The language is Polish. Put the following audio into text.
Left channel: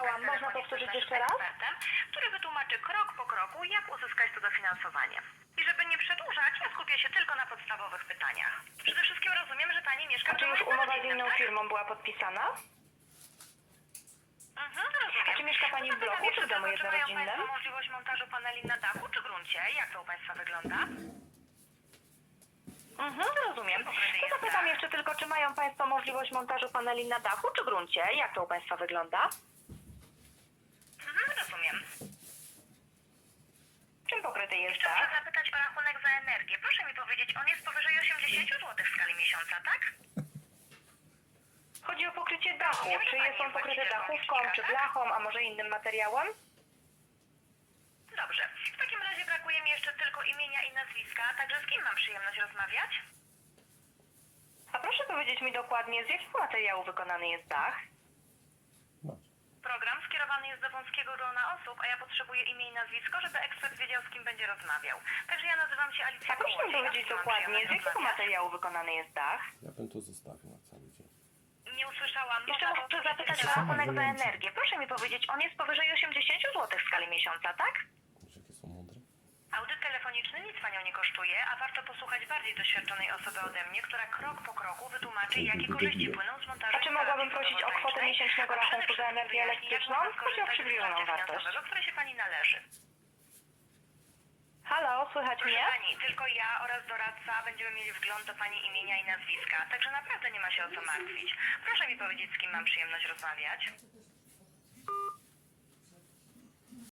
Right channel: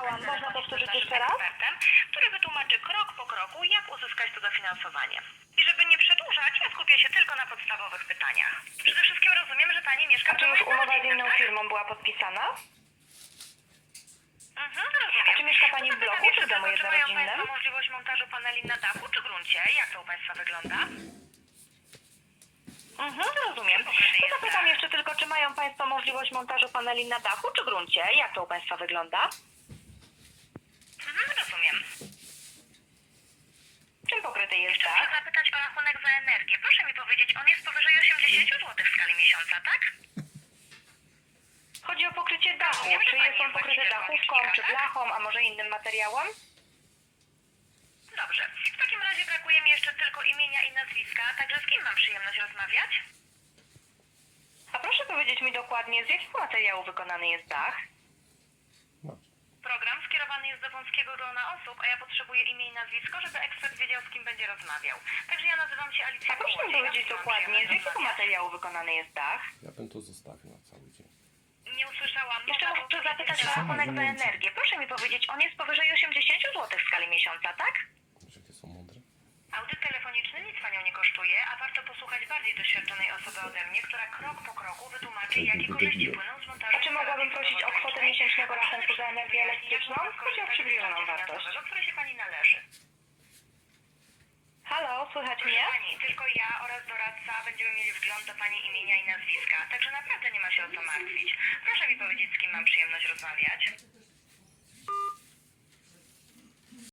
słyszałam. Można powtórzyć jeszcze raz? Ekspertem, który wytłumaczy krok po kroku, jak uzyskać to dofinansowanie. I żeby nie przedłużać, ja skupię się tylko na podstawowych pytaniach. Przede wszystkim rozumiem, że pani mieszka A w czy domu już umowa z jednorodzinnym, inną tak? firmą była podpisana? Rozumiem. A czy mieszka pani w Zapytam bloku, jeszcze czy w domu tylko, czy mają jednorodzinnym? państwo możliwość montażu paneli na dachu czy gruncie? Jak to u państwa wygląda? Rozumiem. Pokryty To jest zapytam dach. jeszcze tylko, czy mają państwo możliwość montażu paneli na dachu czy gruncie? Jak to u państwa wygląda? Rozumiem. Czym pokryty jest Jeszcze muszę dach? zapytać o rachunek za energię. Proszę mi powiedzieć, on jest powyżej 80 zł w skali miesiąca, tak? Chodzi o pokrycie dachu. Rozumiem, że Czy pani jest on jest pokryty właścicielką dachówką, licznika, czy tak? blachą, a może innym materiałem? Dobrze. W takim razie brakuje mi jeszcze tylko imienia i nazwiska, także z kim mam przyjemność rozmawiać? A proszę powiedzieć mi dokładnie, z jakiego materiału wykonany jest dach? Program skierowany jest do wąskiego grona osób, a ja potrzebuję imię i nazwisko, żeby ekspert wiedział, z kim będzie rozmawiał. Także ja nazywam się Alicja A proszę mi Kołodziej. powiedzieć Z kim mam dokładnie, z przyjemność jakiego rozmawiać? materiału wykonany jest dach? Ja bym to zostawił na cały dzień. Nie usłyszałam. Jeszcze Mowa muszę o- zapytać o rachunek za energię. Proszę mi powiedzieć, on jest powyżej 80 zł w skali miesiąca, tak? Że jakie są mądre? Audyt telefoniczny nic panią nie kosztuje, a warto posłuchać bardziej doświadczonej osoby ode mnie, która krok po kroku wytłumaczy, jakie korzyści płyną z montażu. A czy mogłabym prosić o kwotę fotowoltaicznej, miesięcznego a przede rachunku za energię wszystkim, elektryczną? jak można Chodzi o skorzystać z przybliżoną wsparcia wartość. finansowego, które się pani należy. Halo, słychać Proszę mnie? pani, tylko ja oraz doradca będziemy mieli wgląd do pani imienia i nazwiska, także naprawdę nie ma się o co martwić. Proszę mi powiedzieć, z kim mam przyjemność rozmawiać.